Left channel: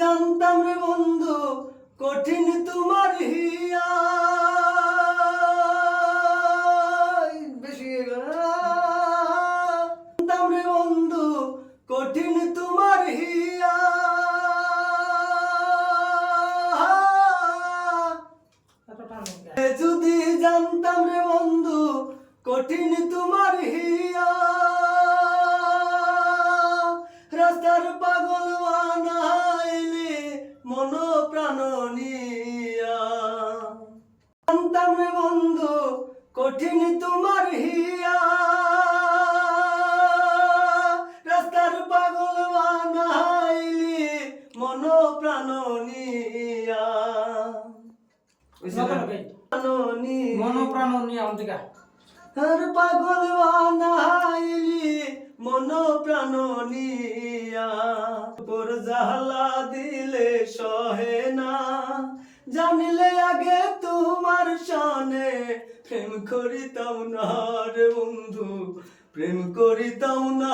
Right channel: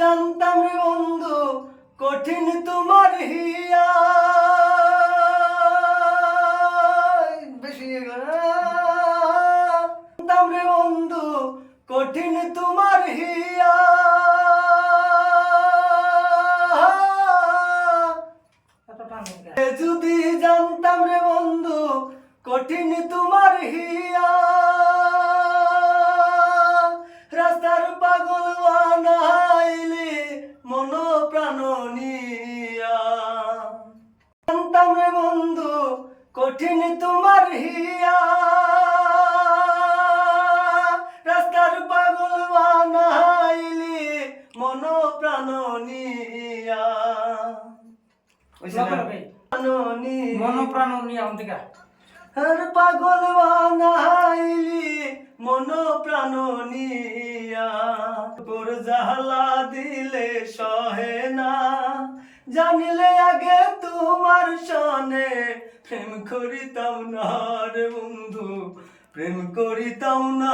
জানতাম রে বন্ধু, কঠিন তোমার হিয়া বেশি জানতাম রে বন্ধু, কঠিন তোমার হিয়া যদি জানতাম রে বন্ধু, কঠিন তোমার হিয়া রাস্তার পাগল বন্ধু কঠিন তোমার হিয়া। রাস্তার পাগল বানাইলি মন প্রাণ নিয়া। প্রাণ নিয়া। মনোপ্রাণ নিয়ে আম পাগল বানাইলি মন প্রাণ নিয়া। তোর জালা দিলে সহে না। জানিলে আগে প্রেম করিতাম না রে বন্ধু প্রেম করিতাম না।